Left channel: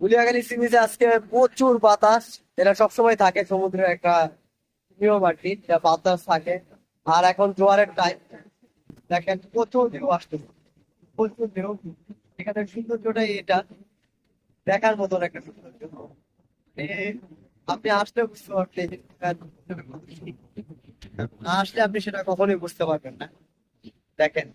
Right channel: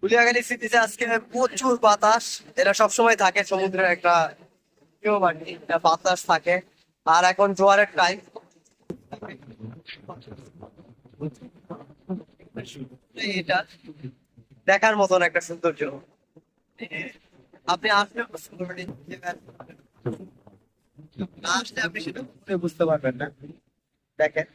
Guliakhali C বিচে আজকে প্রচুর বাতাস। এটা সবসময় থাকে, সমুদ্রের একটা নিয়ম আর কি, বাতাস থাকে। আর এখন জোয়ারের টাইম, দেখেন প্রচুর ঢেউ আসতেছে, প্রচুর ঢেউ। এখানের সৌন্দর্যটাই এটা, দেখার মতন একটা সৌন্দর্য। এ, আপনি আসলে বুঝতে পারবেন এই জায়গার, না আসলে আপনি সেটা কখনোই বুঝতে পারবেন না। দেখেন